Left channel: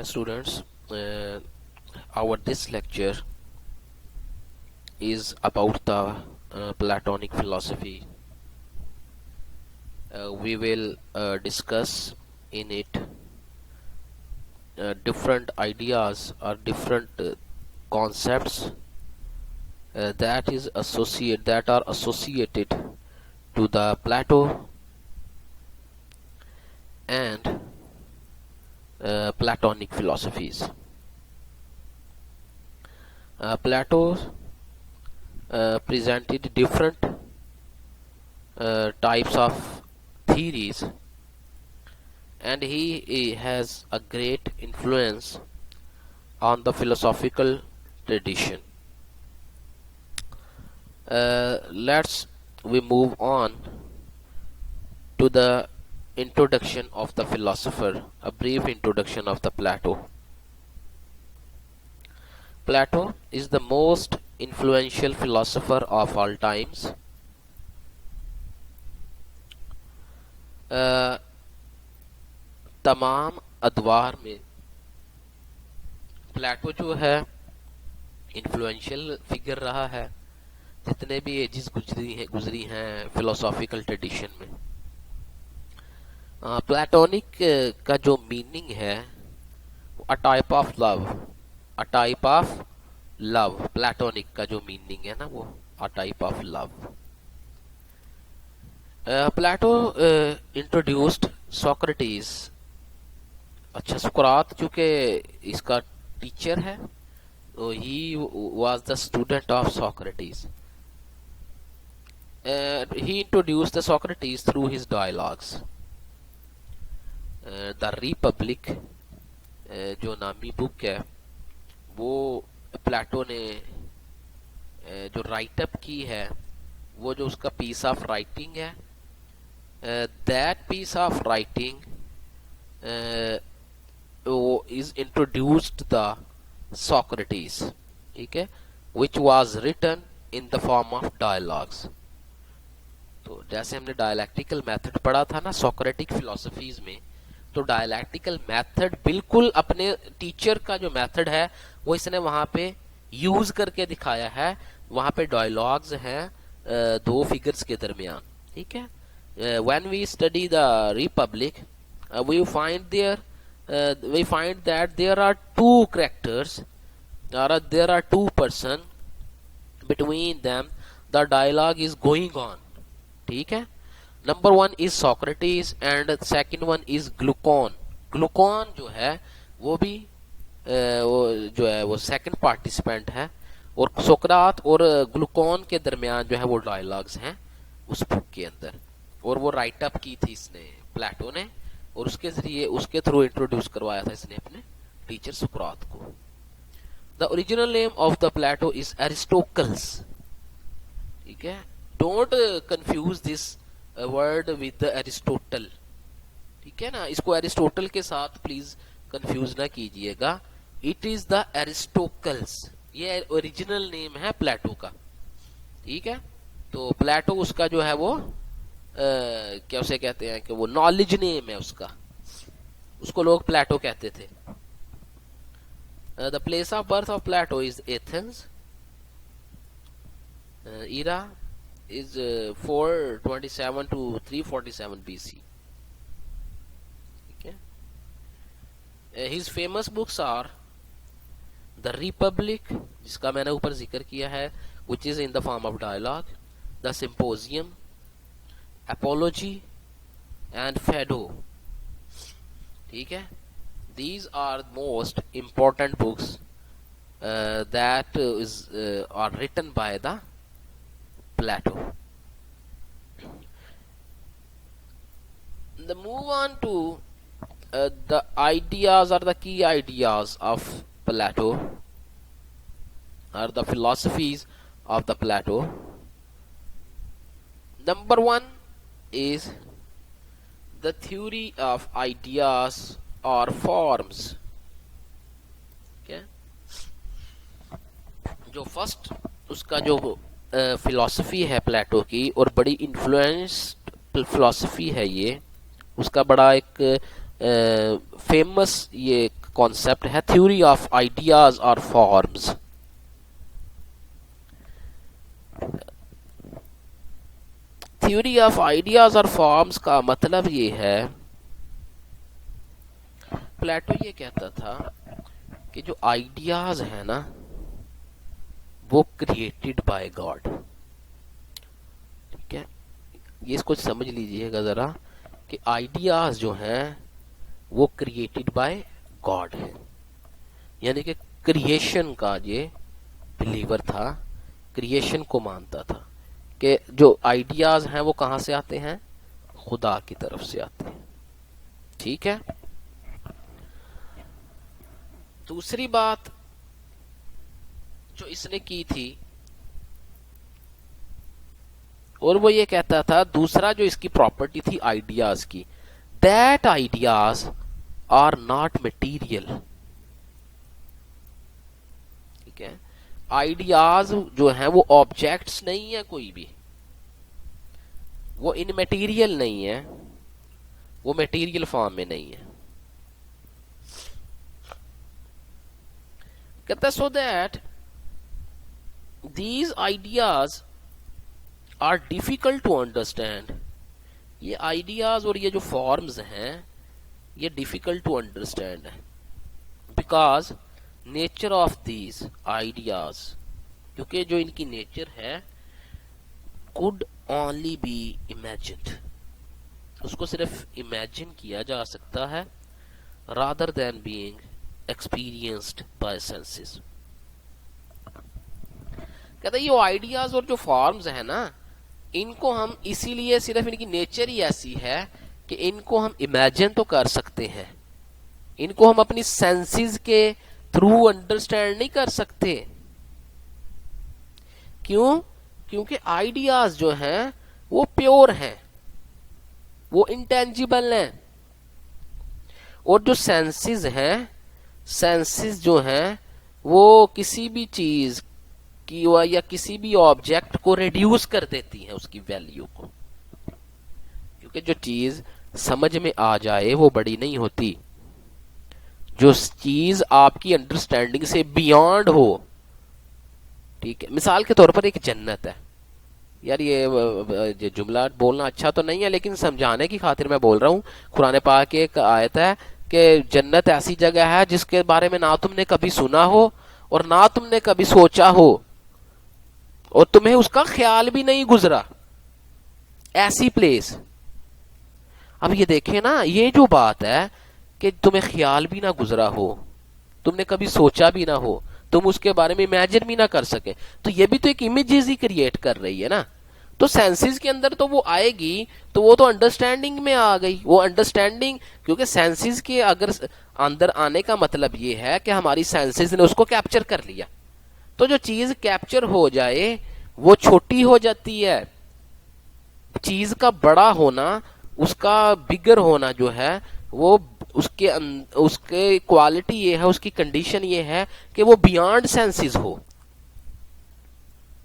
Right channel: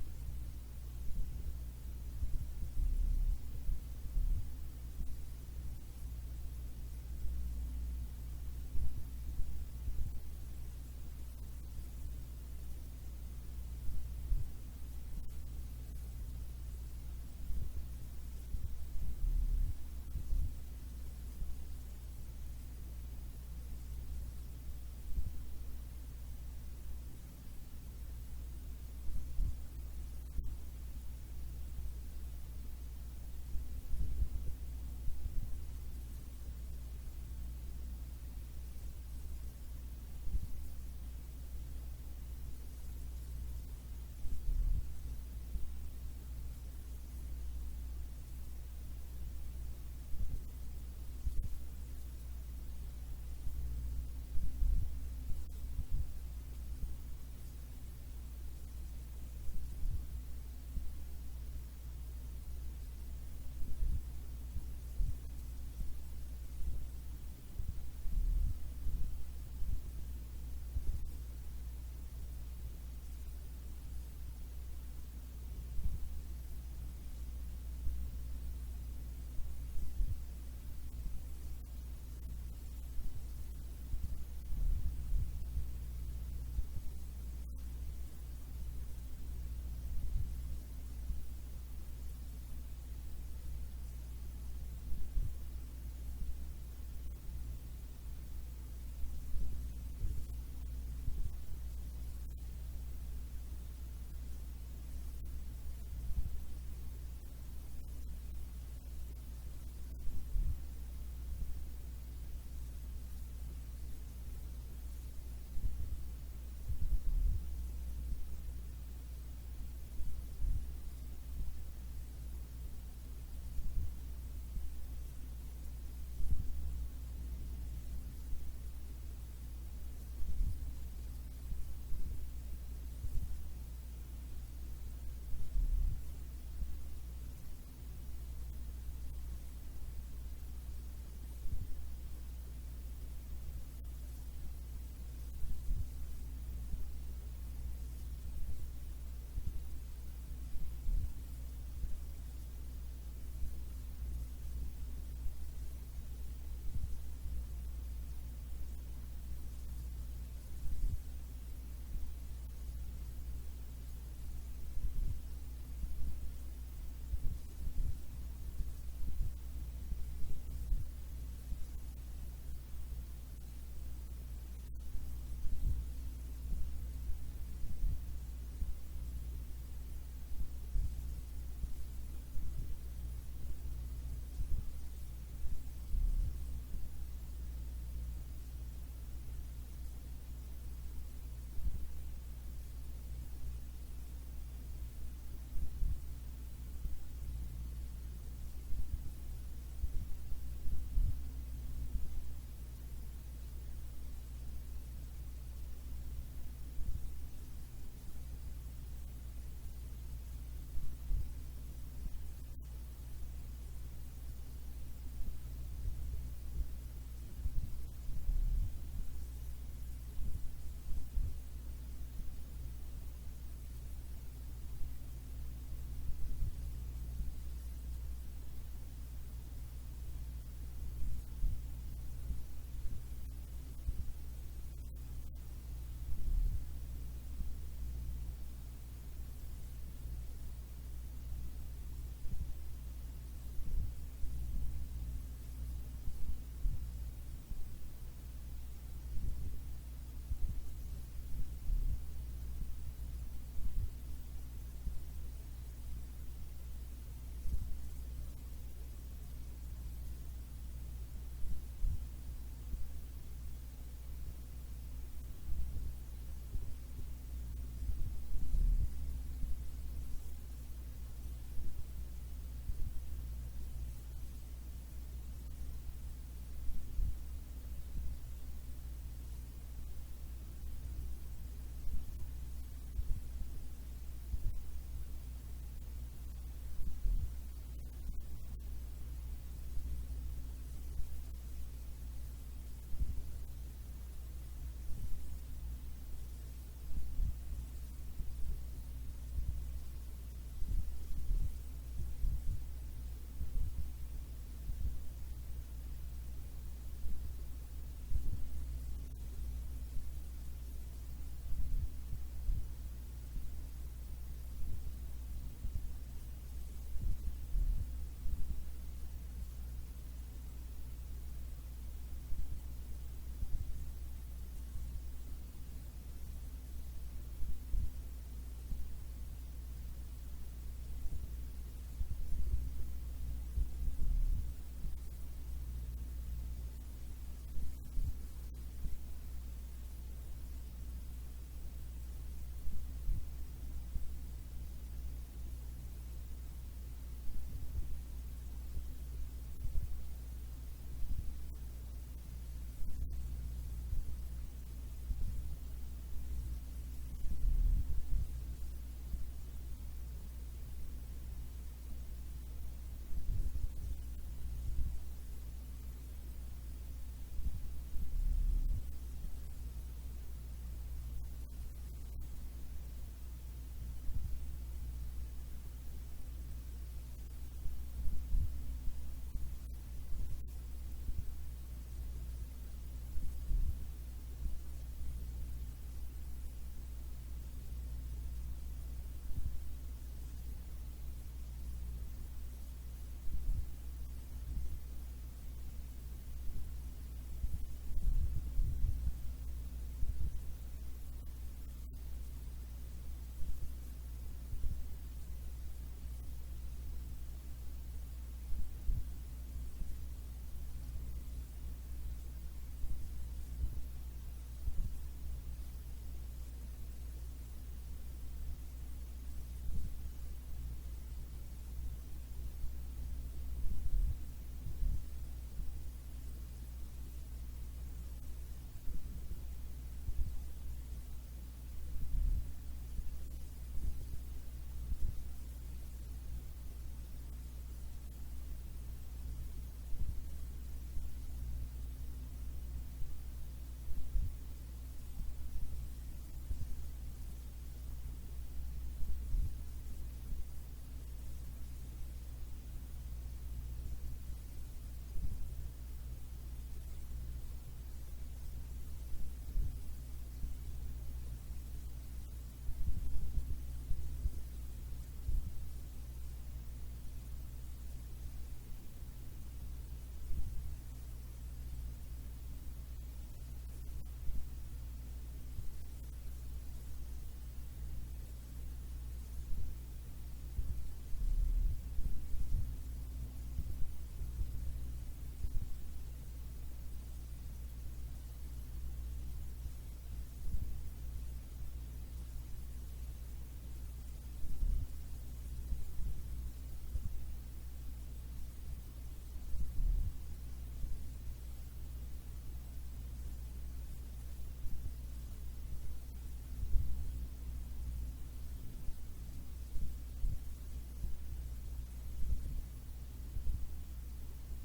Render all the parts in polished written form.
Hi students, our this lecture is about the Platonic philosophy. We will discuss in it different ideas or different concepts that are associated to the Plato and Platonic philosophies. Plato presented different types of theories, and he has a great influence on the philosophical tradition. Let's we move on to the introduction of the philosopher, a brief introduction of the Plato. Plato is the most influential philosopher of all times. तमाम अदवार में प्लेटो जो है influential figure रहा है जितने भी edges गुजरी हैं फिलोसॉफिकल ट्रेडिशन में. प्लेटोनिक का जो मीनिंग है a type of love platonic का जो मीनिंग है ना वो a type of love. Plato introduced Socrates. अच्छा, सुकरात चूंकि इसका टीचर है तो he was the student of Socrates. He introduced the Socrates through his dialogues. The Republic जो नामी बुक है वो प्लेटो ने जो राइट अप की है, वो जो उसका पीस ऑफ राइटिंग है, that piece of writing is introduced the Socrates, ठीक है, which was written in the form of dialogues. तो जैसे हमने डायलैक्टिकल मेथड पढ़ा था ना सोक्रेटिक फिलोसफीज में, तो डायलैक्टिकल मेथड बिल्कुल अपने टीचर का जो मेथड है वो इसने वहां पे यूज करके दिखाया है. वहां पे डायलॉग्स हैं दो फिगर्स के दरमियान, ठीक है. When we study the Republic we find that there are two characters, there are two person, between them the dialogue is going on, ठीक है. Number one is Socrates and second one is Glucon. Glucon जो है वो भी वो जो है वो सेकंड पार्टिसिपेंट है, और सोक्रात और ग्लूकॉन के दरमियान जो है वो डायलॉग्स हैं उस बुक के अंदर, और वो राइट अप की थी इसने प्लेटो ने, और उसके जरिए उसके थ्रू इंट्रोड्यूस करवाया था इसने अपने टीचर सुकरात को. The original name of the Plato is Aristocles, ठीक है. Don't confuse this word with Aristotle, ठीक है ना. इसको एरिस्टोटल के साथ प्लीज कंफ्यूज ना कीजिएगा. इट इज द एरिस्टोटल्स, ये ओरिजिनल नेम है प्लेटो का, ठीक है. तो प्लेटो उसका जो है वो क्या उसे कहते हैं कि वो नॉलेज नेम है उसका, उसको लोग प्लेटो कहते थे. The place of birth of Plato is Athens. era is 427 to 347 BC. Okay. His famous books are The Republic, जिसका मैंने ऊपर जिक्र किया है, which is in the form of dialogue, The Symposium, Apology and Phaedo, ठीक है. These are most important books that are written by the Plato. The move on to the ideas or the key ideas of Plato, or the philosophies of the Plato. Number one is the theory of ideas or forms. Okay? जो first उसका जो philosophy है प्लेटो की, और बड़ी influenced philosophy है ये, उसका बड़ा एक फेमस ये कॉन्सेप्ट है थ्योरी ऑफ आइडियाज और फॉर्म्स। थ्योरी ऑफ आइडियाज और फॉर्म्स का मतलब ये है, प्लेटो ये कहता था कि जो आइडियाज है ना वो क्रिएटेड बाय गॉड। ठीक है, ये इसको समझ लीजिएगा जरा कि आइडियाज जो हैं वो क्रिएटेड बाय गॉड है, यानी कि क्रिएशन का ये बिलीवर था, क्रिएशन को मानता था कि जो आइडियाज हैं वो कहां से आते हैं, खुदा की तरफ से आते हैं। ठीक है, दूसरी बात जो इसने की थी, और वो ये कहता था, दूसरा जो इसकी प्रॉपर्टी थी आइडियाज की, that ideas are not material. ठीक है, आइडियाज जो हैं वो ऑब्जेक्ट्स नहीं है, कोई भी वो इनमेटीरियल नहीं है, वो मटेरियल फॉर्म में नहीं है। कहता है so that these ideas are difficult to understand। ये आइडियाज और ये जो फॉर्म्स हैं ये डिफिकल्ट टू अंडरस्टैंड है, because nature of these ideas, क्योंकि जो इनकी नेचर है, कुड ओनली बी इमेजिन्ड, उसको सिर्फ इमेजिन किया जा सकता है, rather than being experienced bye senses. कहता है ये आइडियाज और जो फॉर्म्स है ना, इनको हम इसीलिए, सिर्फ इनकी नेचर ही ऐसी है कि इनको हम इमेजिन तो कर सकते हैं, इनको हम अपनी सेंसेस के थ्रू अंडरस्टैंड नहीं कर सकते। क्यों? क्योंकि आइडियाज जो हैं वो प्योर हैं, वो इंटेंजिबल हैं, और जो सेंसेस हैं, सेंसेस जो हैं वो किसी भी चीज की या किसी भी ऑब्जेक्ट को रिड्यूस कर देती है उसकी वैल्यू को, क्योंकि जो चीज समझ में आ जाए वो बड़ी नहीं होती, जो चीज आपकी अंडरस्टैंडिंग से बियॉन्ड हो। ठीक है, मिसाल के तौर पर एक जन्नत है, यार ये जुमला बोलना अच्छा तो नहीं है, लेकिन समझाने की खातिर मैं बोल रहा हूँ। कुरान पाक की एक आयत है कि जन्नत ऐसी जगह है जिसके बारे में ना तुमने कभी सुना हो और ना तुमने कभी सोचा हो और तुम्हें उसका ख्याल भी नहीं गुजरा, ऐसी प्लेस। अब ये देखे ना, ये जो बात है कि तुम्हें ख्याल भी ना गुजरा हो, तुमने कभी सोचा भी ना हो, तुम उसके बारे में इमेजिन भी ना कर सके, तो ये भी तो एक इमेजेस ही क्रिएट कर रही है ना। तो सेंसेस के अंदर तो वो आएगी, तो वो तो अंडरस्टैंडिंग में आ गई, वो अंडरस्टैंडिंग, क्योंकि सेंसेस के अगर अंदर आने का मतलब ये है कि हमारी सेंसेस ने उसको कैप्चर कर लिया। तो जो चीज कैप्चर हो जाए वो छोटी हो जाती है, चीज का बड़ा होना, उसका बिगर होना जो है वो उसके क्वालिटी ये है, उसकी कंडीशन ये है कि वो बियॉन्ड सेंसेस हो।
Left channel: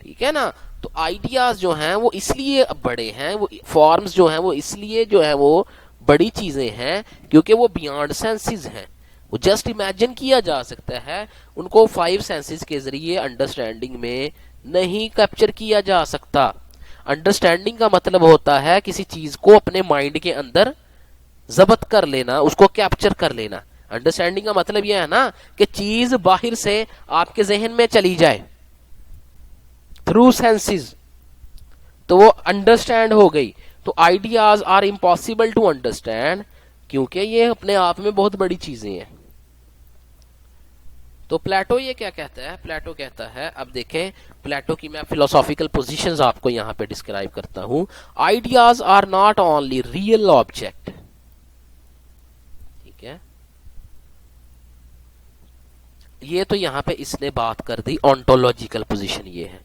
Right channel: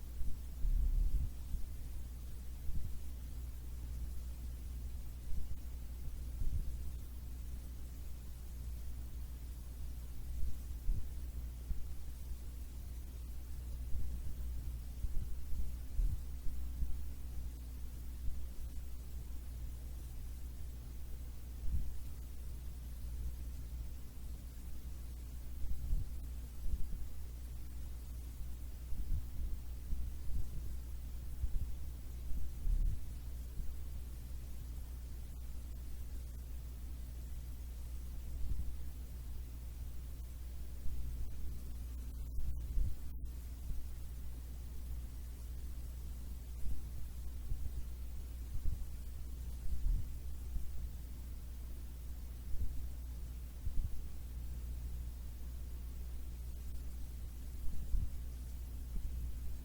ठीक है ना, तो आइडियाज जो हैं वो इसलिए बड़े हैं, वो फॉर्म्स जो हैं वो इसलिए जो है वो बड़ी चीजें हैं क्योंकि वो बियॉन्ड सेंसेस हैं, वो जस्ट इमेजिन किया जा सकता है, उनको 5 सेंसेस के जरिए अंडरस्टैंडिंग में नहीं कैप्चर किया जा सकता। अंडरस्टैंडिंग का मतलब होता है किसी चीज को अपने माइंड के अंदर जब्त कर लेना, उसको कैप्चर कर लेना। अंडरस्टैंडिंग का मतलब यह है ना कि चीज बाहर से आपके जहन में चली जाए थ्रू सेंसेस, तो वो अंडरस्टैंड हो गई। तो ideas are impossible to understand क्योंकि ये अपने आप में बहुत बड़ी चीजें हैं। तो प्लेटो ये क्या कहता है? प्लेटो कहता है, अब देखें प्लेटो की मैं फिलोसॉफिकल पोजीशंस आपको यहां पे डिस्क्राइब करता हूं। Ideas are not only real object, ठीक है, ये तो यहां पे इसने बात कर दी ऑन्टोलॉजिकल पोजीशन, ये है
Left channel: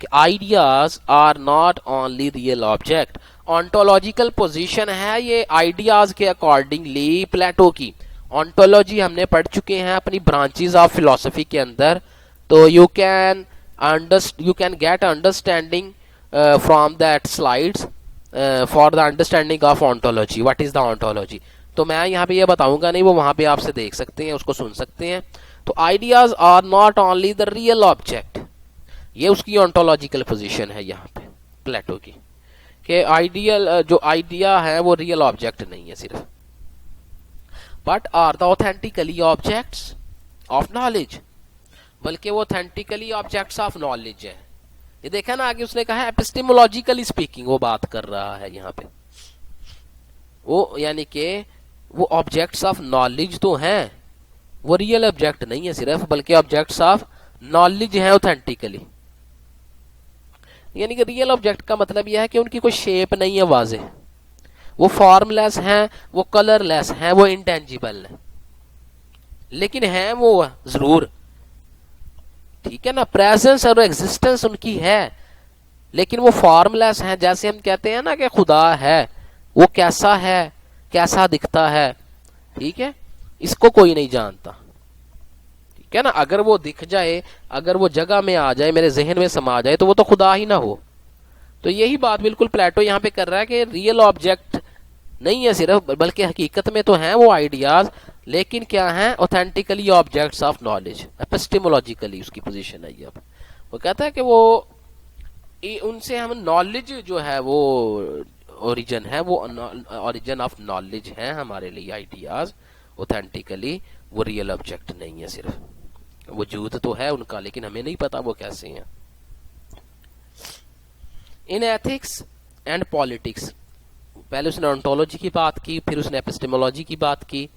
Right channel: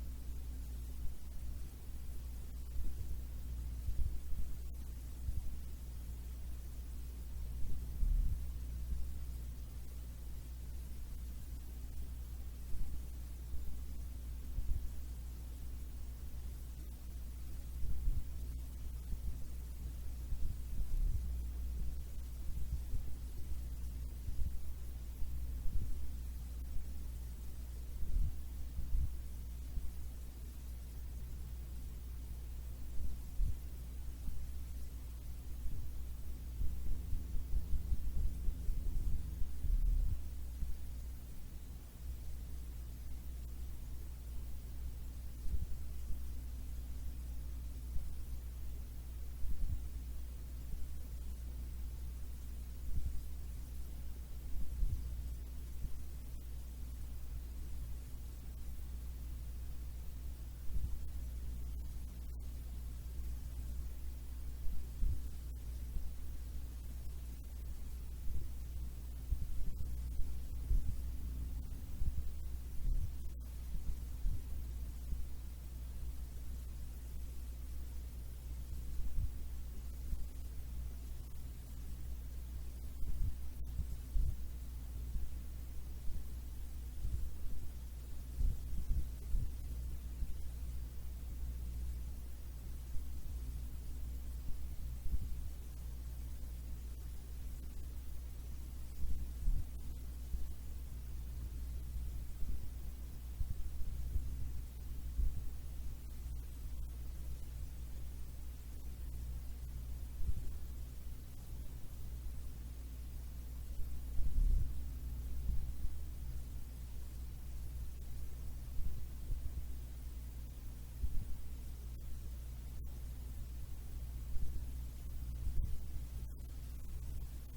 कि ideas are not only real object. Ontological position है ये आइडियाज के अकॉर्डिंगली प्लेटो की। ऑन्टोलॉजी हमने पढ़ चुके हैं अपनी ब्रांचेस ऑफ फिलोसफी के अंदर, तो you can get understanding from that slides for the understanding of ontology. What is the ontology? तो मैं यहाँ पे ये बताऊंगा नहीं, वो वहां पे आपसे देख सकते हैं, उसको सुन सकते हैं। तो ideas are not only the real object, ये उसकी ऑन्टोलॉजिकल पोजीशन है यहाँ पे प्लेटो की, कि आइडियल जो आइडिया है वो रियल ऑब्जेक्ट नहीं है सिर्फ, but are the authentically objects of knowledge, बल्कि वो ऑथेंटिकली ऑब्जेक्ट्स ऑफ नॉलेज है। ये देखा ना आगे उसने कहा एपिस्टेमोलॉजिकली स्पीकिंग, वो बात कर रहा है यहाँ पे, वो यानी कि वो ऑब्जेक्ट्स ऑफ नॉलेज तो हैं, वो रियल ऑब्जेक्ट नहीं है सिर्फ, बल्कि ऑब्जेक्ट्स ऑफ नॉलेज है ऑथेंटिकली। यानी कि रियल ऑब्जेक्ट का मतलब यह है कि उनकी कोई शेप नहीं है वाजे, वो फॉर्मलेस हैं, वो कलरलेस हैं, वो इंटेंजिबल है, लेकिन हैं वो जरूर, ठीक है ना, प्रेजेंस और एग्जिस्टेंस उनकी है, लेकिन वो फॉर्मलेस हैं। जैसे हम कहते हैं ना कि खुदा है, वो कैसा है, कैसा दिखता है, ठीक है, इसको कोई नहीं जानता, ठीक है ना। अगर वो दिख जाए, अगर वो जगह में आ जाए, मेरे जहन में समा जाए, तो वो तो खुदा ही ना हो। तो यही बात बिल्कुल प्लेटो यहाँ पे कर रहा है कि रियल ऑब्जेक्ट नहीं है सिर्फ, बल्कि हकीकत में तो हैं वो आइडियाज, लेकिन क्या हैं, ऑथेंटिकली ऑब्जेक्ट्स ऑफ नॉलेज, एपिस्टेमोलॉजिकली उसकी पोजीशन है। अब वो कहता है कि वो उनसे हम नॉलेज जो है वो ओरिजिन है, वो ओरिजिन ऑफ नॉलेज है हमारे लिए आइडियाज, ऑथेंटिकली वो रियल ऑब्जेक्ट नहीं है सिर्फ, वजूद तो है उनका, लेकिन हमें नहीं पता वो कैसे हैं। इन एथिक्स एंड पॉलिटिक्स, पहले उसने ऑन्टोलॉजी की बात की, फिर उसने एपिस्टेमोलॉजी की बात की,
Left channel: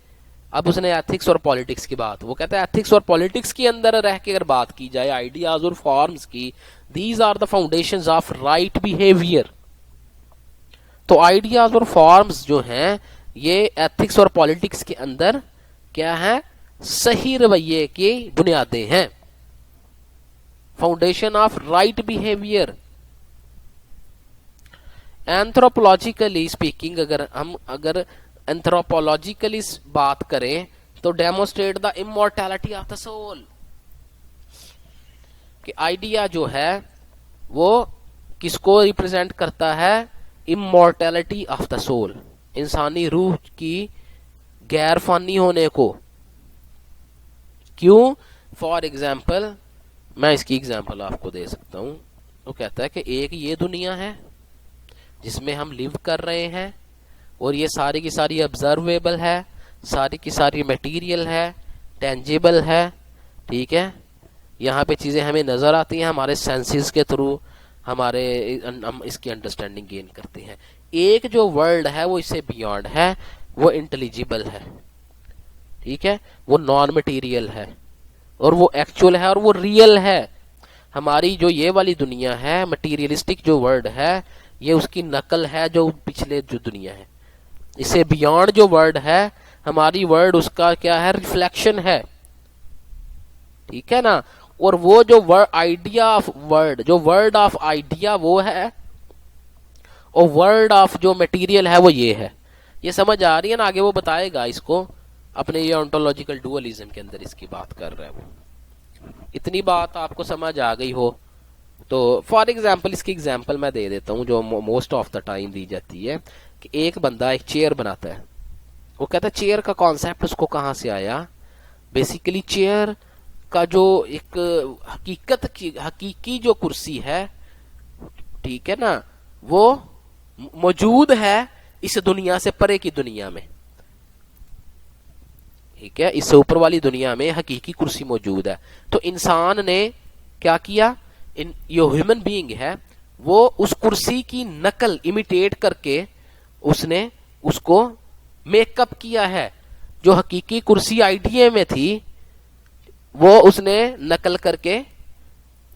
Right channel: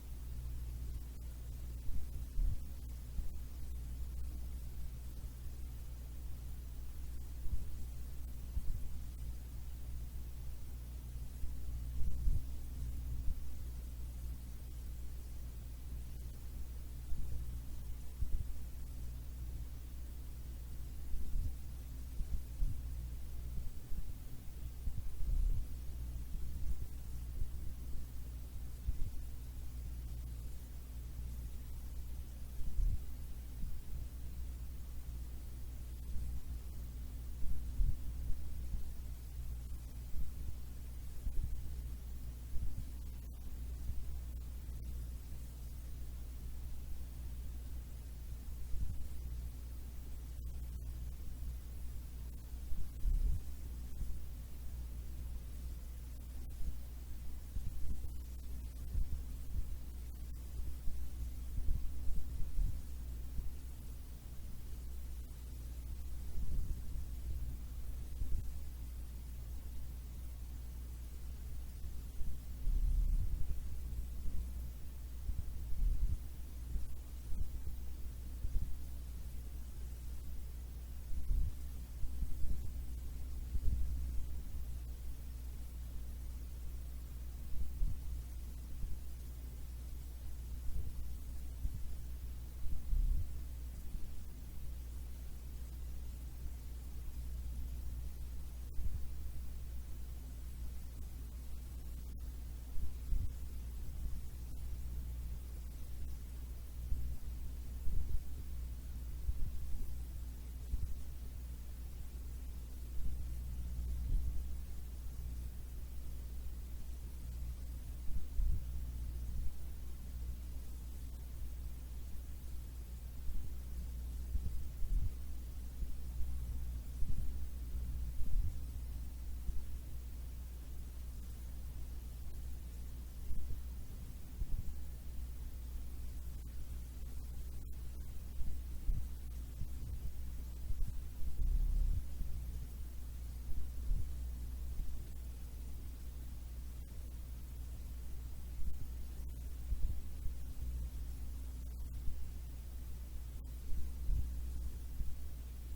अब उसने एथिक्स और पॉलिटिक्स की बात। वो कहता है एथिक्स और पॉलिटिक्स के अंदर रह के अगर बात की जाए आइडियाज और फॉर्म्स की, these are the foundations of right behaviour. तो आइडियाज और फॉर्म्स जो हैं ये एथिक्स और पॉलिटिक्स के अंदर क्या है, सही रवैये की बुनियादें हैं, foundation of right behaviour. Anthropologically speaking, अगर एंथ्रोपोलॉजिकली बात करें तो demonstrate the immortality of the soul, कि आइडिया जो है वो किसको रिप्रेजेंट करता है, इमॉर्टैलिटी ऑफ द सोल, इंसानी रूह की गैर फानी होने को। क्यों? फॉर एग्जाम्पल, मैं इसकी एग्जाम्पल आपको दे सकता हूं। वो कहता है कि एक ये दुनिया है जिसमें हम लिव कर रहे हैं, और ये सारी की सारी ऑब्जर्वेबल है, सारी की सारी मटेरियल है, टेंजिबल है, ठीक है, यहाँ पे चीज़ें हमें नज़र आती हैं हमारे सेंसेस के थ्रू, हम इसकी अंडरस्टैंडिंग गेन करते हैं। एक जो वर्ल्ड है वो इससे बियॉन्ड है, वो इंटेलिजिबल है, ठीक है, वो नॉन मटेरियल है, और वो एक्चुअल है, और वो रियल है। हमारी जो ये वाली दुनिया है, मटीरियलिस्टिक जो वर्ल्ड है, ये उसकी नकल है जो पिछले जो दुनिया है। इससे बियॉन्ड जो वर्ड है हमारी, वर्ड उसका क्या है, रिफ्लेक्शन है, ठीक है ना। और वो जो वर्ड आइडिया ऑफ वर्ड, जो वर्ड ऑफ आइडिया वो है, और वर्ड ऑफ जो मटेरियल है वो ये है। ये समझ आ रही है ना, आगे वो बताएगा इसको अपने ये ऑन्टोलॉजिकल डुअलिज्म के अंदर इसकी बात कर रहा है वो। इतनी बात आपको समझ आ गई हो तो फॉर एग्जाम्पल इसकी एग्जाम्पल मैं दे देता हूँ जो मोस्ट ऑफ द टाइम दी जाती है, कि एक बंदा एक चेयर बनाता है। वो कहता है चेयर का कॉन्सेप्ट उसको कहाँ से आया। बेसिकली चेयर का जो एक हकीकी जो कुर्सी है, ठीक है ना, वो मौजूद है इस दुनिया से परे की दुनिया में, ठीक है, इससे ऊपर वाली दुनिया में हकीकी कुर्सी मौजूद है। तो इंसान ने क्या किया, जो ह्यूमन बीइंग है वो उस कुर्सी की नकल इमिटेट करके उसने उसको मेकअप किया है। जो हकीकी कुर्सी आइडिया में थी वो उसने नकल करके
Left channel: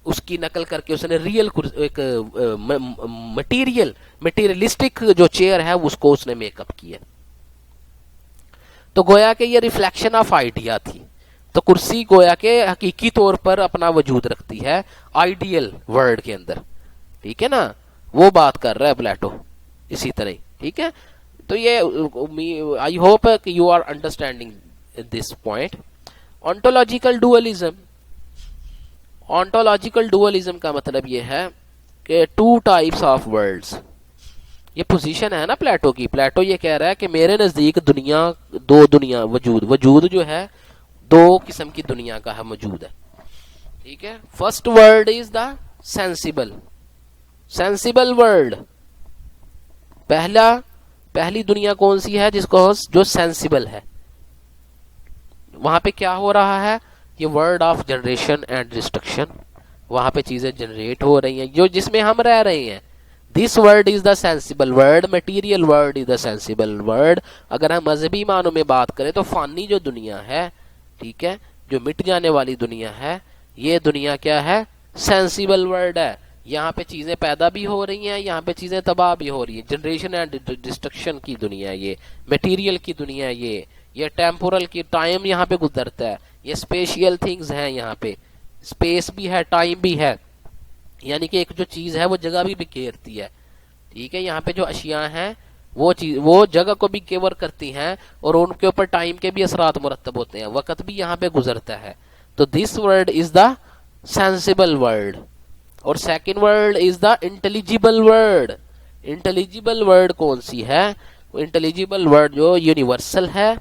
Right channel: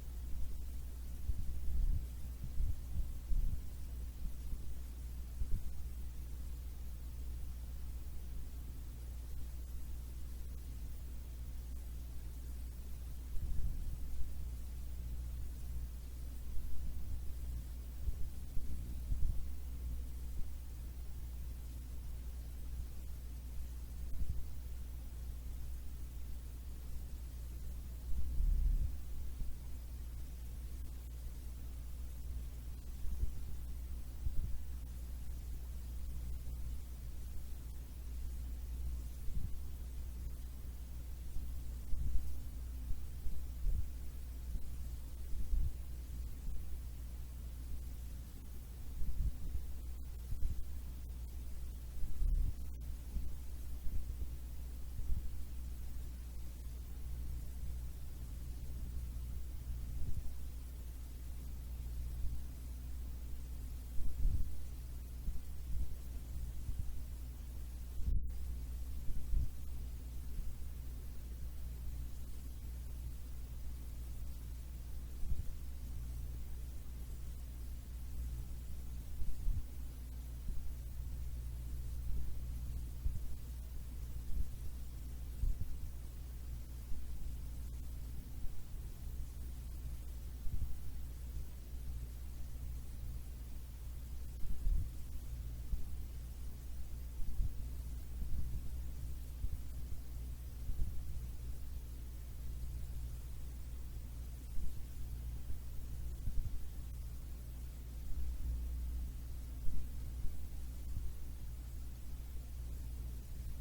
उसने रियल एक मटीरियलिस्टिक जो चेयर है उसको उसने मेकअप किया। तो गोया के ये रिफ्लेक्शन ऑफ आइडिया थी। तो कुर्सी गोया के हकीकी तौर पर अपना वजूद रखती है आइडियल वर्ल्ड के अंदर, ठीक है ना, वो बात कर रहा है प्लेटो इसी तरह, ठीक है। तो ये आई होप कि you are understanding this point. Ontological dualism, ontological dualism का मतलब ये है कि टू टाइप्स ऑफ वर्ल्ड्स, ये पोजीशन है ना प्लेटो की। प्लेटो ये कह रहा है कि मेरे नजदीक दुनिया, दो दुनिया वजूद जो है दो किस्म की दुनिया का है, मौजूद है। ठीक है, first world is the sensible, sensible world. पहली दुनिया कौन सी है, जिसको जो सेंसिबल है। वहां पे क्या हो रहा है, ये world of generation and destruction, वहां पे चीजें जनरेट हो रही हैं जो जिसमें हम रह रहे हैं। This world is the sensible world, material world is the sensible world. अगर हम मजहबी मानों में बात करें तो फानी जो दुनिया है, ठीक है, जो मिट जाने वाली दुनिया है, ये दुनिया क्या है, सेंसिबल वर्ल्ड है। यहाँ पे चीजें पैदा भी हो रही हैं, यहाँ पे चीजें तबाह भी हो रही है। जनरेशन एंड डिस्ट्रक्शन की दुनिया ये, मटेरियल की दुनिया ये टेम्पोरल की, टाइम यहाँ पे गुजरता है, ये स्पेशियल थिंग्स हैं, यहाँ पे स्पेस भी है, टाइम भी है, यानी कि एक जो चीज है वो जगह भी बिखेरती है। ठीक है, यहाँ पे जो अशिया हैं वो जगह को भी कवर करती हैं और उनके ऊपर टाइम के भी असरात मुरतब होते हैं, वक्त भी यहाँ पे गुजरता है। तो this world is the sensible world. और second world is the intelligible world. Intelligible world कौन सी है, वो इंटेलिजिबल वर्ल्ड जो यूनिवर्सल है,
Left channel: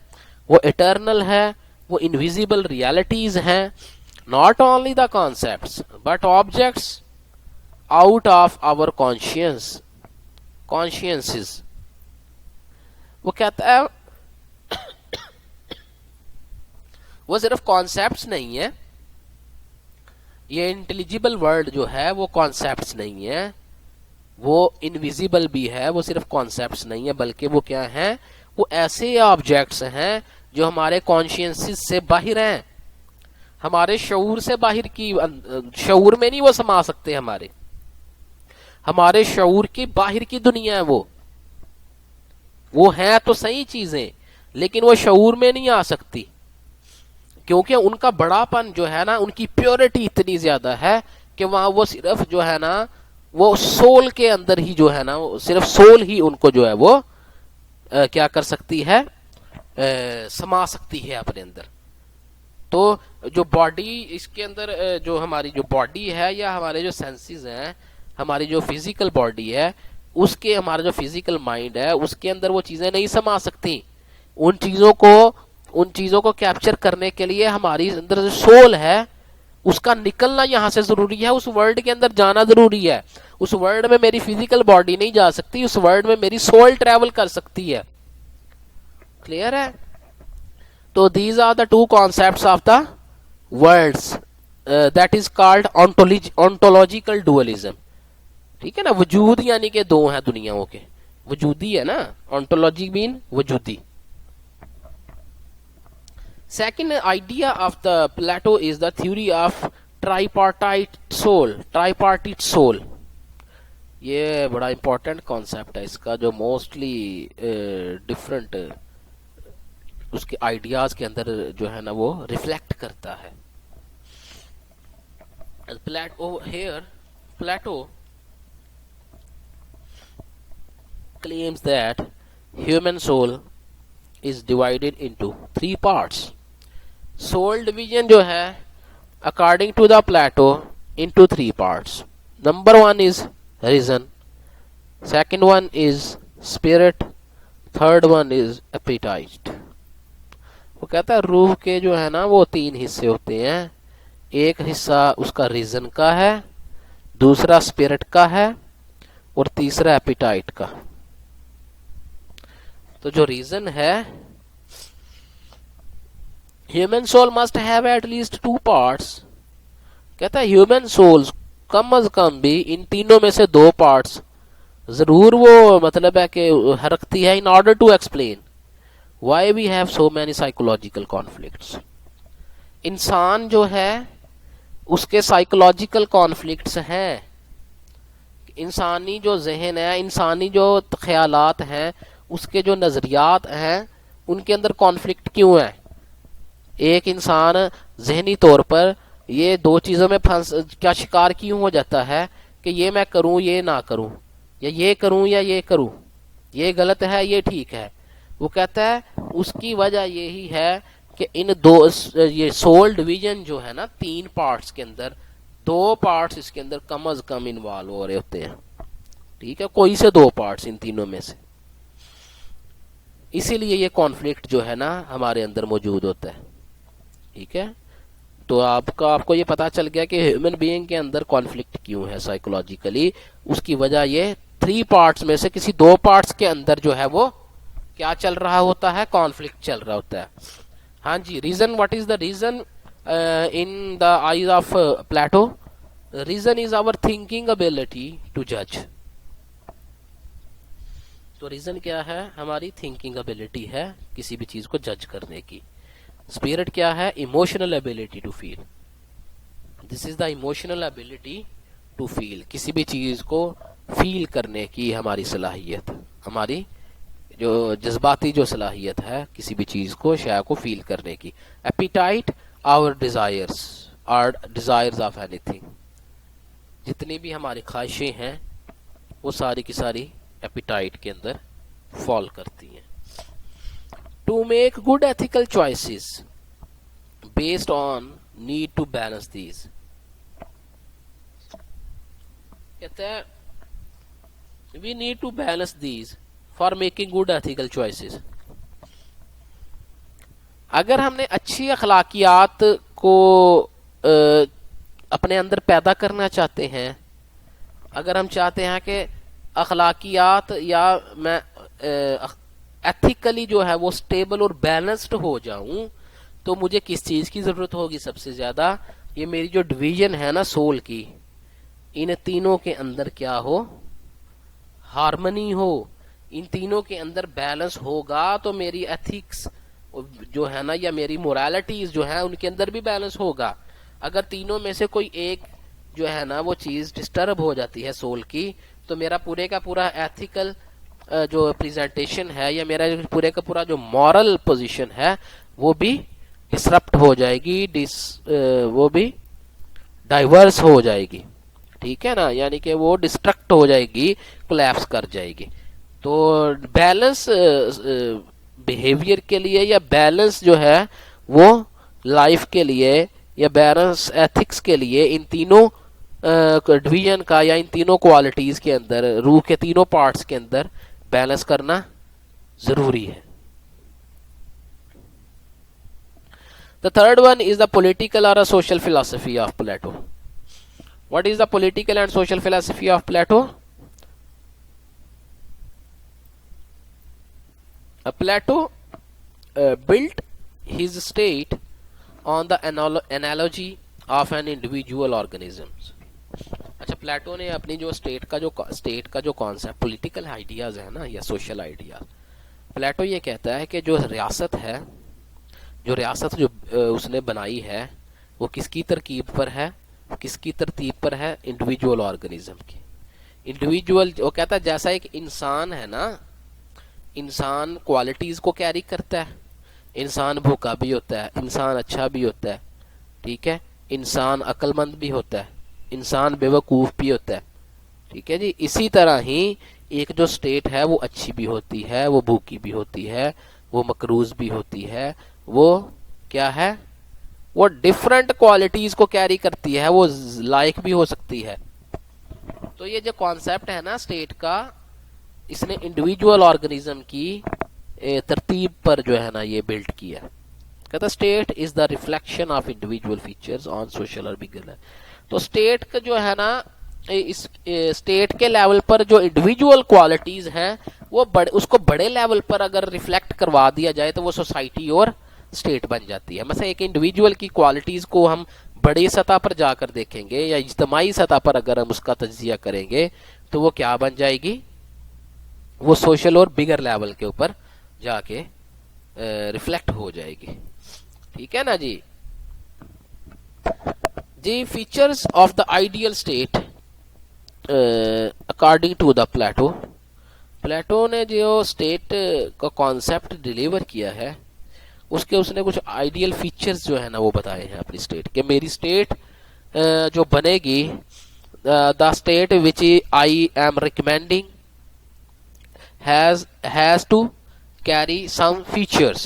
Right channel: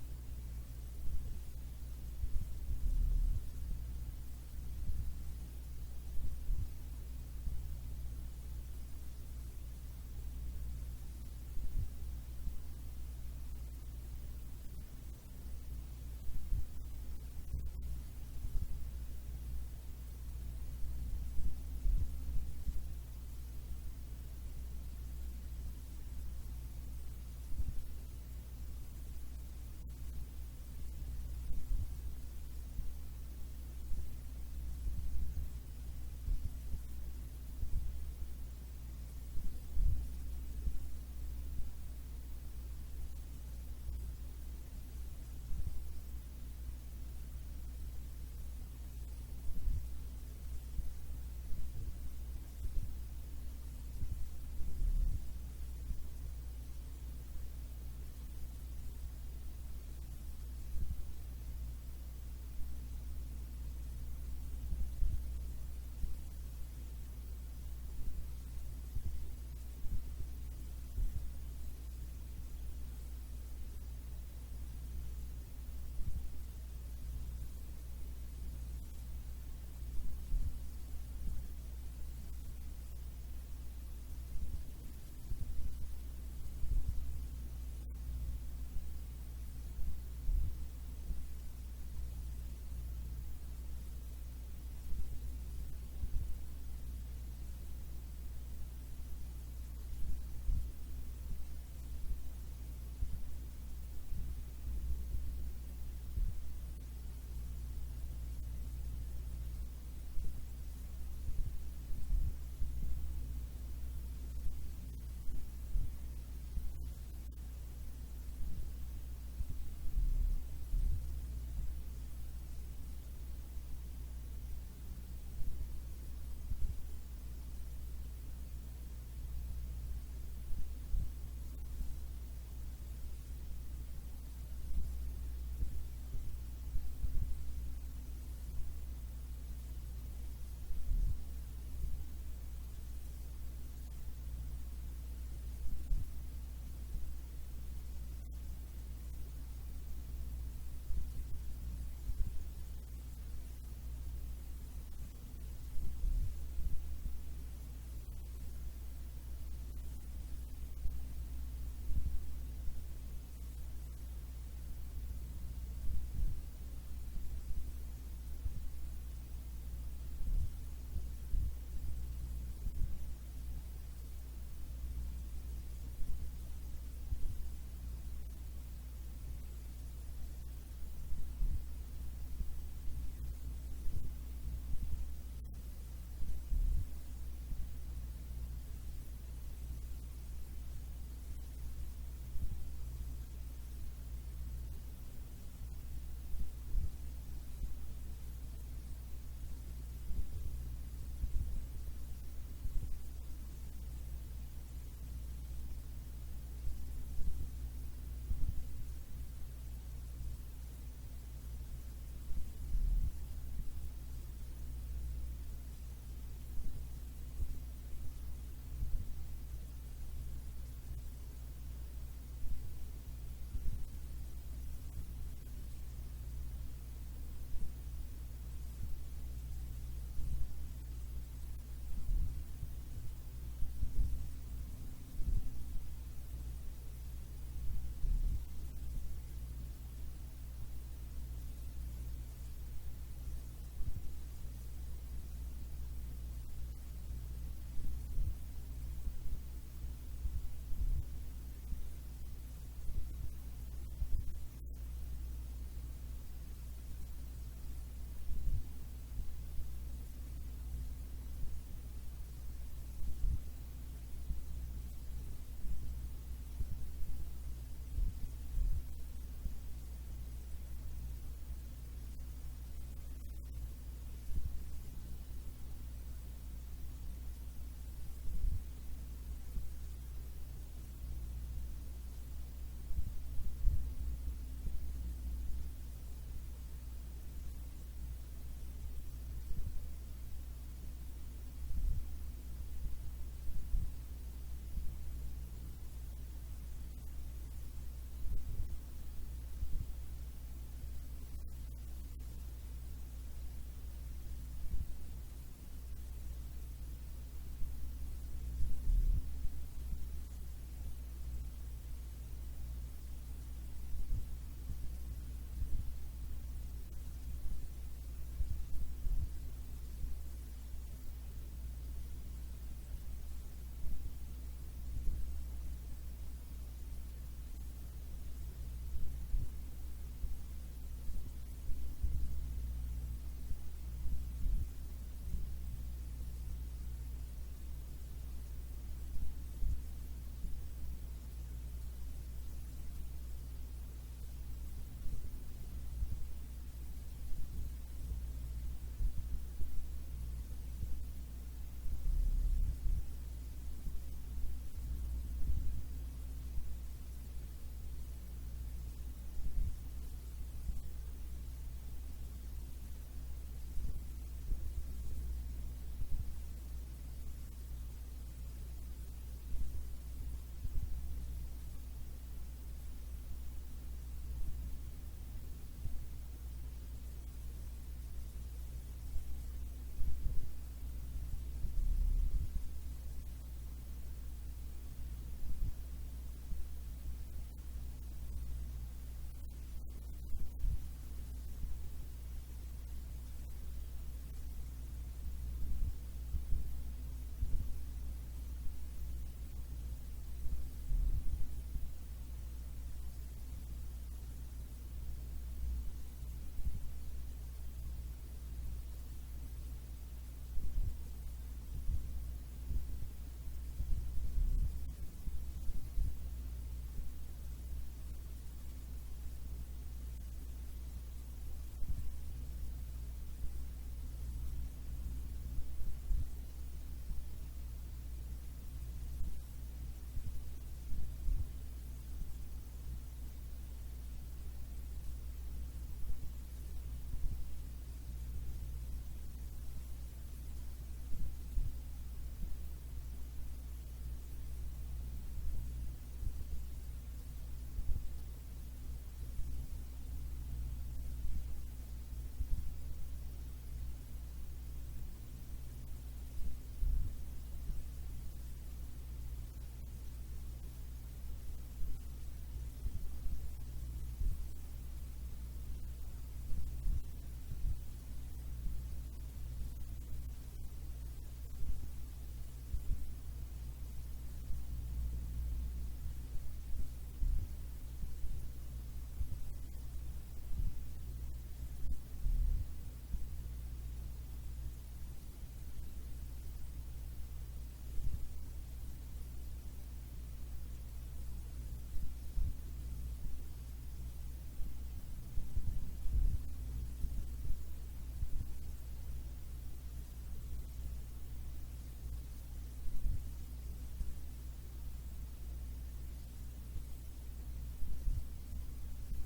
वो इटर्नल है, वो इनविजिबल रियलिटीज हैं, not only the concepts but objects out of our consciousness. वो कहता है वो सिर्फ कॉन्सेप्ट्स नहीं है, ये इंटेलिजिबल वर्ल्ड जो है वो कॉन्सेप्ट्स नहीं है, वो इनविजिबल भी है, वो सिर्फ कॉन्सेप्ट्स नहीं है, बल्कि वो क्या है, वो ऐसे ऑब्जेक्ट्स हैं जो हमारे कॉन्शियंसेस से बाहर हैं, हमारे शऊर से बाहर की, शऊर में नहीं वो समा सकते, हमारे शऊर की बाहर की दुनिया है वो है तो सही चीजें, लेकिन वो शऊर में नहीं आ सकती, क्योंकि उनका बड़ापन जो है ना, उनकी प्योरिटी इतनी ज्यादा है कि वहां वो सिर्फ जो है ना, वो सोल के अंदर ही जो है ना, सिर्फ सोल ही उनको जो है वो क्या कर सकती है, समा सकती है अपने अंदर। तो जो बॉडी इसके अंदर जो हमारी जो बॉडी है या हमारे जो सेंसेस हैं, हमारी जो फिजिकल बॉडी है, उसके हमारा जो फिजिकल माइंड है उसके अंदर वो चीजें नहीं समा सकती। उन चीजों को कैप्चर करने के लिए हमारी अंदर जो सोल है उसका निकलना यहाँ से जरूरी है, उस वर्ल्ड के अंदर जाना जरूरी है। उस वर्ल्ड में मेरी फिजिकल बॉडी नहीं जा सकती, उस वर्ल्ड में मेरी सोल ट्रेवल कर सकती है। क्लियर है? तो these are the two concepts of the worlds that is called ontological dualism. ठीक है ना, वजूद यानी कि दो हैं दुनियाओं के, वजूदी है ना, ऑन्टोलॉजी मीन वजूदी। Second idea of the Plato is the theory of tripartite soul। ये बड़ा इंपॉर्टेंट कॉन्सेप्ट है इसका, जो मोस्टली डिफरेंट उसके आइडियाज के अंदर जो है ना वो रिफ्लेक्ट करता है। Plato claims that human soul is divided into three parts। Soul division जो है according to the Plato into three parts. Number one is reason, second one is spirit, third one is appetite. वो कहता है रूह के जो है ना वो तीन हिस्से होते हैं, एक हिस्सा उसका रीजन का है, दूसरा स्पिरिट का है और तीसरा एपिटाइट का। तो जो रीजन है, human soul must have at least two parts. कहता है ह्यूमन सोल्स कम अज कम भी इन तीनों में से दो पार्ट्स जरूर वो मतलब है कि रखती है, in order to explain why we have so many psychological conflicts. इंसान जो है उसके साइकोलॉजिकल कॉन्फ्लिक्ट्स हैं, इंसानी जो जहन है, इंसानी जो ख्यालात हैं, उसके जो नजरियात हैं, उनके अंदर कॉन्फ्लिक्ट क्यों है। एक इंसान जहनी तौर पर ये दो चीजों में क्या शिकार क्यों हो जाता है कि ये मैं करूं ये ना करूं, या ये करूं या ये करूं, ये गलत है ये ठीक है। वो कहता है उसकी वजह यही है कि इन दो ये सोल डिवीजन जो है ना, तीन पार्ट्स के अंदर दो पार्ट्स इसके अंदर कम अज कम इन्वॉल्व हो रहे होते हैं। ठीक है, कोई से दो पार्ट्स इन तीनों में से। इसीलिए ये कॉन्फ्लिक्ट जो है ना हमारे अंदर मौजूद होता है। ठीक है, तो आपको ये पता चल गया कि ह्यूमन बीइंग के अंदर कॉन्फ्लिक्ट क्यों है साइकोलॉजिकली। उसकी वजह ये 3 पार्ट्स में से किसी 2 पार्ट्स के अंदर जो है वो क्या चल रहा होता है, कॉन्फ्लिक्ट चल रहा होता है। हाँ जी, reason, what is the reason in the eyes of Plato? Reason is our thinking ability to जज। तो रीजन क्या है? हमारी थिंकिंग एबिलिटी है किसी भी चीज को जज करने की। स्पिरिट क्या है? Emotional ability to feel. This is the emotional ability to feel, किसी भी चीज को फील करने की हमारी सलाहियत, हमारी जो जज्बाती जो सलाहियत है किसी भी चीज को, शय को फील करने की। Appetite our desires are desires of anything. जितनी भी हमारी ख्वाहिशें हैं वो सारी की सारी एपिटाइट के अंदर फॉल करती हैं। To make good ethical choices based on need to balance these. कहता है we need to balance these for making good ethical choices. अगर हमने अच्छी अखलाकियात को अपने अंदर पैदा करना चाहते हैं, अगर हम चाहते हैं कि अखलाकियात या मैं एथिकली जो है वो स्टेबल और बैलेंस्ड हो जाऊं, तो मुझे किस चीज की जरूरत होगी सबसे ज्यादा? ये मेरी जो डिवीजन है ना सोल की, इन तीनों के अंदर क्या हो? हार्मनी हो। इन तीनों के अंदर बैलेंस होगा तो मेरी एथिक्स जो है ना या मेरी मोरालिटीज जो है उनके अंदर भी बैलेंस होगा। अगर तीनों में से कोई एक जो है ना वो चीज डिस्टर्ब हो जाती है सोल की, तो मेरा पूरे का पूरा एथिकल जो प्रेजेंटेशन है या मेरा पूरे का पूरा जो मॉरल पोजीशन है वो भी डिसरप्ट हो जाएगी, वो भी डाइवर्स हो जाएगी। ठीक है ना, यानी कि वो डिस्ट्रक्ट हो जाएगी, कोलैप्स कर जाएगी। तो बैलेंस बिहेवियर के लिए या बैलेंस जो है वो लाइफ के लिए या बैलेंस एथिक्स के लिए इन तीनों डिवीजन का या इन तीनों क्वालिटीज के अंदर, रूह के तीनों पार्ट्स के अंदर बैलेंस करना जरूरी है। The third one is the political और social philosophy of Plato. What is the political and social philosophy of Plato? Plato built his state on the analogy of an individual organism। अच्छा, प्लेटो ने अपनी जो state का जो concept, political ideas है ना या सोशल आइडिया, प्लेटो ये कहता है कि जो रियासत है, जो रियासत जो उसने बनाई है वो किसकी तरकीब पर है? किसकी तरतीब पर है? इंडिविजुअल ऑर्गेनिज्म की। इंडिविजुअल, वो कहता है जैसा एक इंसान है ना, इंसान क्वालिटीज को कैरी करता है। इंसान भूखा भी होता है, इंसान अच्छा भी होता है, ठीक है, इंसान अक्लमंद भी होता है, इंसान बेवकूफ भी होता है। ठीक है जी, इसी तरह ही एक जो स्टेट है वो अच्छी भी होती है, वो भूखी भी होती है, वो मकरूज भी होती है, वो क्या है, वो डिफरेंट क्वालिटीज को कैरी करती है, वो लायक भी हो सकती है। तो ये जो कॉन्सेप्ट है ना स्टेट का, इसने इंडिविजुअल ऑर्गेनिज्म की तरतीब पर जो है ना ये बिल्ड किया। कहता state is the reflection of individual features on social और बिगर। तो स्टेट का जो है ना, इस स्टेट के लेवल पर जो इंडिविजुअल क्वालिटीज हैं वो उसको बड़े लेवल पर अगर रिफ्लेक्ट करवा दिया जाए तो वो सोसाइटी और स्टेट बन जाती है। मतलब एक इंडिविजुअल की क्वालिटीज को हम बड़ी सतह पर जाकर देखेंगे या इज्तमाही सतह पर अगर हम उसका तज्जिया करेंगे तो वो क्या बन जाएगी? वो सोशल और बिगर लेवल के ऊपर जाके रिफ्लेक्ट हो जाएगी। ठीक है ना जी। जी, features of the ideal state according to the Plato. Plato ने जो स्टेट का कॉन्सेप्ट डिलीवर किया है उसके उसने कुछ आइडियल फीचर्स जो है ना वो बताए हैं अपनी स्टेट के। मेरी स्टेट जो बनेगी, the state which I am recommending has to carry some features।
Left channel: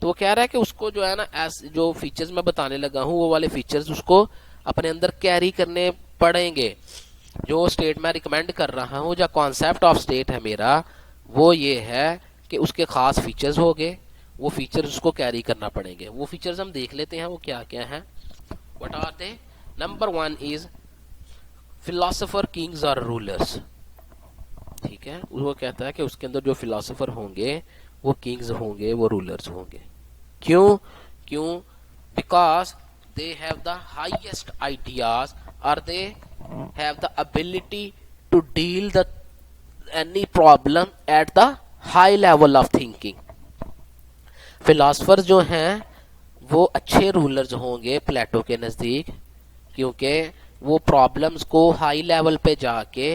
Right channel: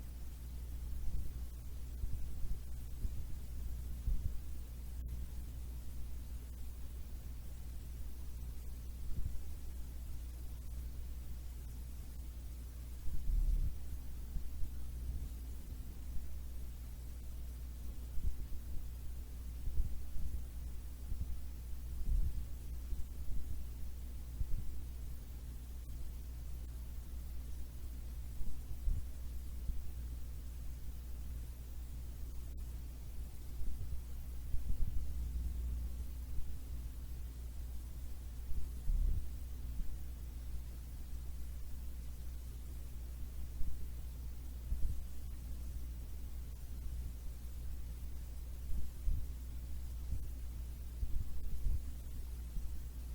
तो वो कह रहा है कि उसको जो है ना जो फीचर्स मैं बताने लगा हूँ वो वाले फीचर्स उसको अपने अंदर कैरी करने पड़ेंगे। जो स्टेट मैं रिकमेंड कर रहा हूँ, जो कॉन्सेप्ट ऑफ स्टेट है मेरा, वो ये है कि उसके खास फीचर्स हो गए, वो फीचर्स उसको कैरी करना पड़ेंगे। वो फीचर्स हम देख लेते हैं वो क्या क्या हैं। What are they? Number 1 is philosopher, kings और रूलर्स। ठीक है, वो कहता है कि उसके अंदर जो फिलोसोफर होंगे वो किंग्स होंगे, वो रूलर्स होंगे। क्यों? क्यों? Because they have the highest ideas, or they have the ability to deal the any problem at the high level of thinking। Philosopher जो हैं वो अच्छे रूलर्स होंगे प्लेटो के नज़दीक, क्योंकि वो प्रॉब्लम्स को हाई लेवल पे जाके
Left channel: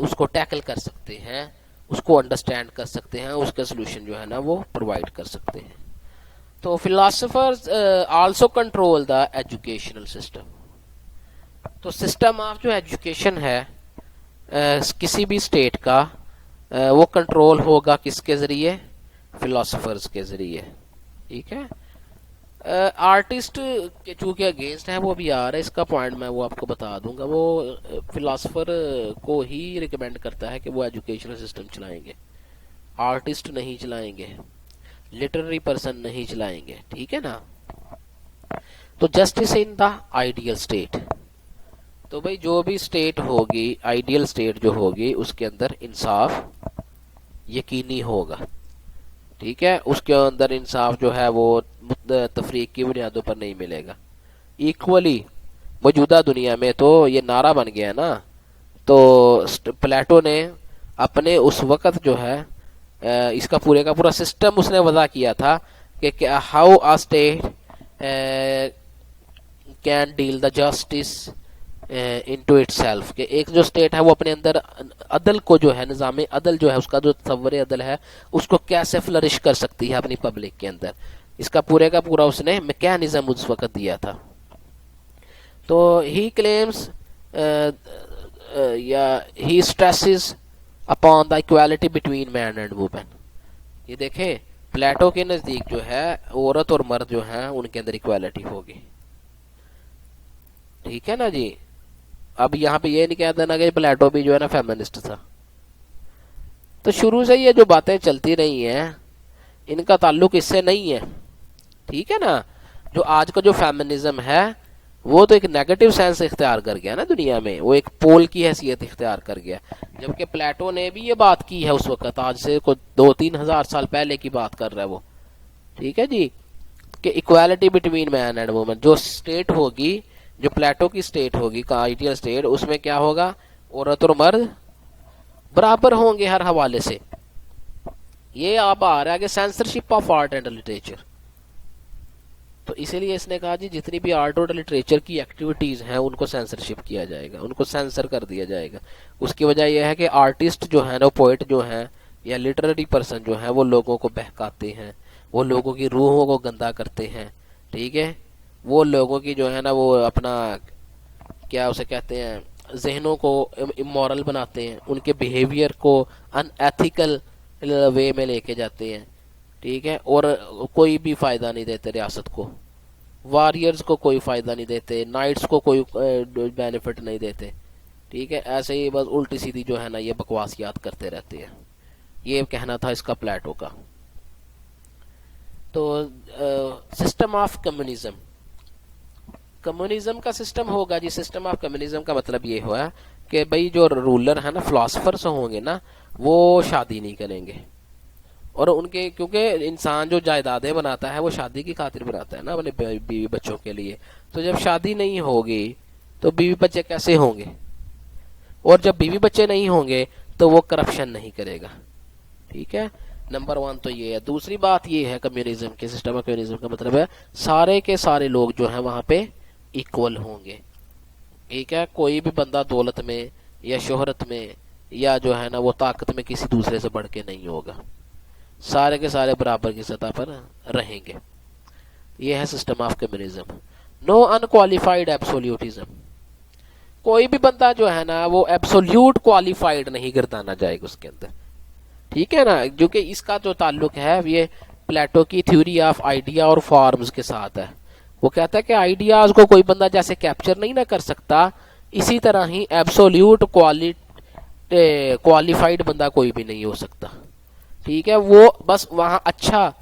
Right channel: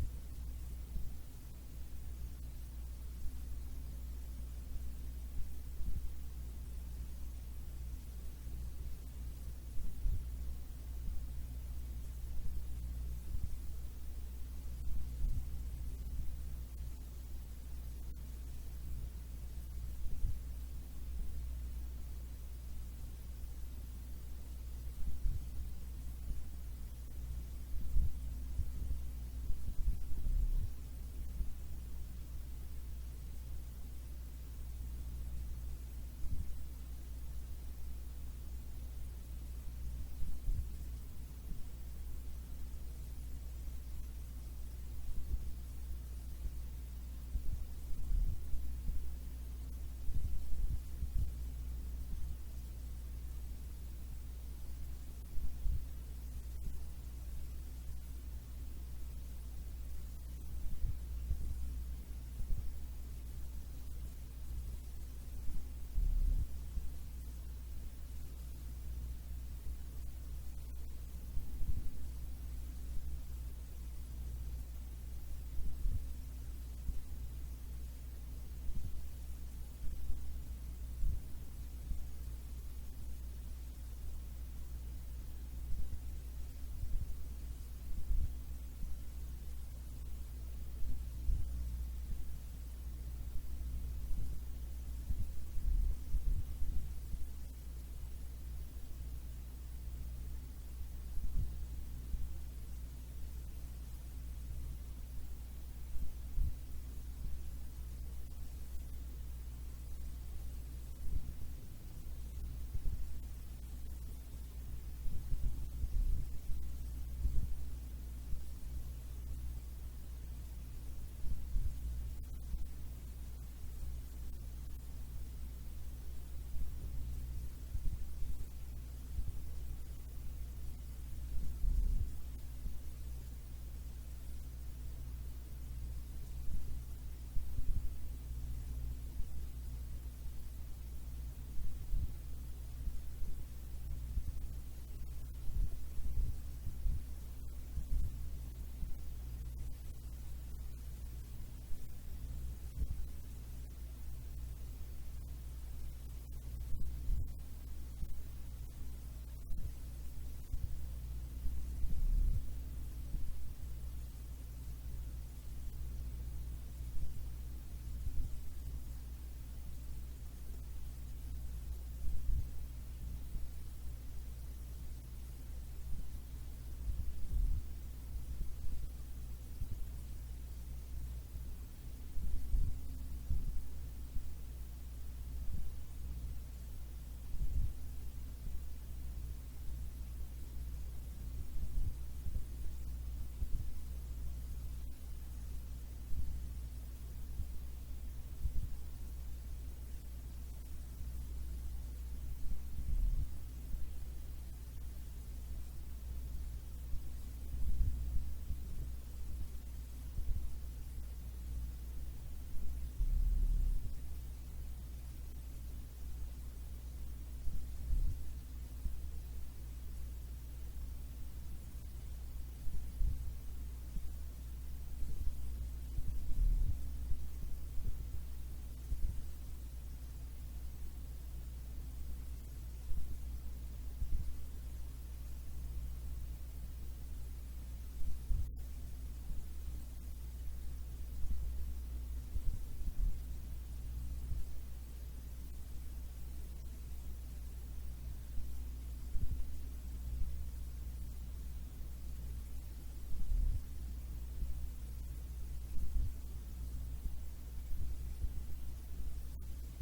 उसको टैकल कर सकते हैं, उसको अंडरस्टैंड कर सकते हैं, उसका सोल्यूशन जो है ना वो प्रोवाइड कर सकते हैं। तो philosophers also control the educational system. तो सिस्टम ऑफ जो एजुकेशन है किसी भी स्टेट का, वो कंट्रोल होगा किसके ज़रिए? फिलोसोफर्स के ज़रिए। ठीक है, आर्टिस्ट के चूँकि अगेंस्ट है वो अभी आ रहा है, इसका पॉइंट मैं वो आपको बता दूंगा। वो फिलोसोफर को ही रिकमेंड करता है कि वो एजुकेशनल सिस्टम चलाएंगे, आर्टिस्ट नहीं चलाएंगे, लिटरेरी पर्सन नहीं चलाएंगे। ठीक है ना। तो justice in the ideal state, तो भाई जो भी स्टेट होगी, आइडियल स्टेट जो होगी, उसके अंदर इंसाफ यकीनी होगा। ठीक है, उसके अंदर इंसाफ जो है वो तफरीक की बुनियादों पर नहीं मिलेगा। इक्वली मौजूदा दुनिया में तो ये नारा बन गया ना। तो प्लेटो ने अपने उस वक़्त जो है इसका पूरे का पूरा सिस्टम उसने वज़ा किया था कि how a state can deal the justice into itself, कि एक जो स्टेट है वो अपने अंदर अदल को जो है, निज़ाम अदल जो है, उसका जो तस्वर अदल है उसको कैसे फ्लरिश कर सकती है अपनी पब्लिक के अंदर, इसका पूरे का पूरा उसने मैकेनिज्म उस वक़्त दिया था। तो ही क्लेम्स या ही stresses upon the equality between man and women. ये देखें, प्लेटो के नज़दीक जो है औरत और मर्द जो है उनके अंदर इक्वालिटी होगी। ठीक है ना जी। अब यहाँ पे ये नहीं कह देना कि प्लेटो भी जो है ना फेमिनिस्ट था। तो शुरू से ये जो बातें चलती रही हैं इनका ताल्लुक इससे नहीं है। ठीक है ना। जो आज का जो फेमिनिज्म है वो तो एक नेगेटिव सेंस इख्तियार कर गया ना दुनिया में, वो एक पोल की हैसियत इख्तियार कर गया। जबकि प्लेटो ने भी ये बात की है उस वक्त, आज से को 2-3 हज़ार साल पहले की बात कर रहा है वो। ठीक है जी, कि equality between man and women, जो स्टेट होगी, जो प्लेटो की स्टेट होगी का आइडियल स्टेट, उसमें क्या होगा? औरत और मर्द बराबर होंगे हर हवाले से। ये आप आ रहा है कि censorship of art and literature. तो इसीलिए इसने कहा जी जितनी भी आर्ट और लिटरेचर की एक्टिविटीज़ हैं उनको सेंसरशिप किया जाएगा, उनको सेंसर कर दिया जाएगा। उसकी वजह यह है कि आर्टिस्ट जो है ना, पोइट जो हैं या लिटरेरी पर्सन जो हैं, वो लोगों को बहकाते हैं, वो लोगों की रूहों को गंदा करते हैं। ठीक है, वो लोगों की जो है ना वो अपना क्या उसे कहते हैं, जहनों को इमोरल बनाते हैं, उनके बिहेवियर को अनएथिकल वे में लेके जाते हैं। ठीक है, और कोई भी फ़ायदा नहीं देते रियासत को, वॉरियर्स को कोई फ़ायदा नहीं देते, नाइट्स को कोई बेनिफिट नहीं देते। ठीक है, ऐसे ही बस उल्टी सीधी जो है ना ये बकवासियात करते रहते हैं। ये कहना था इसका प्लेटो का। तो सिस्टम ऑफ कम्युनिज्म, कम्युनिज्म का सिस्टम होगा जी। सिस्टम ऑफ कम्युनिज्म का मतलब ये हुआ कि भाई जो रूलर है ना, फिलोसफर्स होंगे ना, वो शादी नहीं करेंगे। और उनके, क्योंकि इंसान जो जायदादें बनाता है वो शादी की खातिर बनाता है ना अपने बीवी बच्चों के लिए। तो जब शादी नहीं होगी तो बीवी बच्चे कैसे होंगे? और जब बीवी बच्चे नहीं होंगे तो वो करप्शन नहीं करेगा। ठीक है, नंबर 1 तो ये है। दूसरी बात ये है कम्युनिज्म के, सिस्टम ऑफ कम्युनिज्म का मतलब है सारे के सारे लोग जो हैं वहाँ पे इक्वल होंगे। ठीक है, कोई भी बंदा दौलत में या शोहरत में या जो है ना वो ताकत में किसी दूसरे से बढ़ के नहीं होगा, सारे के सारे बराबर की सतह पर रहेंगे। ये है system of communism. No unqualified absolutism, कोई भी बंदा जो है ना वो एब्सोल्यूट क्वालिफाइड नहीं गर्दाना जाएगा उसके अंदर। ठीक है ना, जो कि इसका जो ताल्लुक है ये प्लेटो की थ्योरी ऑफ आइडिया और फॉर्म्स के साथ है। वो कहता है कि आइडियाज को कोई बंदा जैसे कैप्चर नहीं ना कर सकता, इसी तरह ही एब्सोल्यूट क्वालिफाइड बंदा कोई भी नहीं हो सकता, ठीक है। वो बस वहाँ अच्छा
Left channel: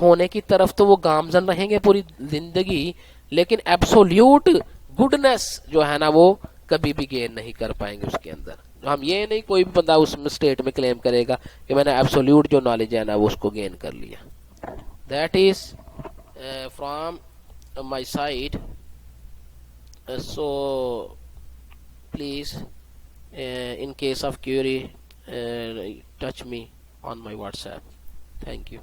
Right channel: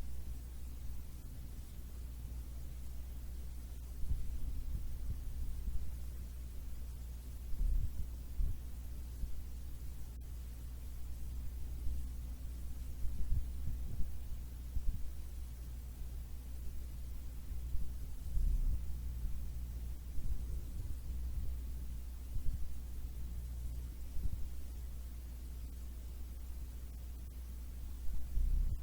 होने की तरफ तो वो गामजन रहेंगे पूरी जिंदगी, लेकिन एब्सोल्यूट गुडनेस जो है ना वो कभी भी गेन नहीं कर पाएंगे उसके अंदर। तो हम ये नहीं कोई भी बंदा उस स्टेट में क्लेम करेगा कि मैंने एब्सोल्यूट जो नॉलेज है ना वो उसको गेन कर लिया। That is from my side. So please, in case of query, touch me on my WhatsApp. Thank you.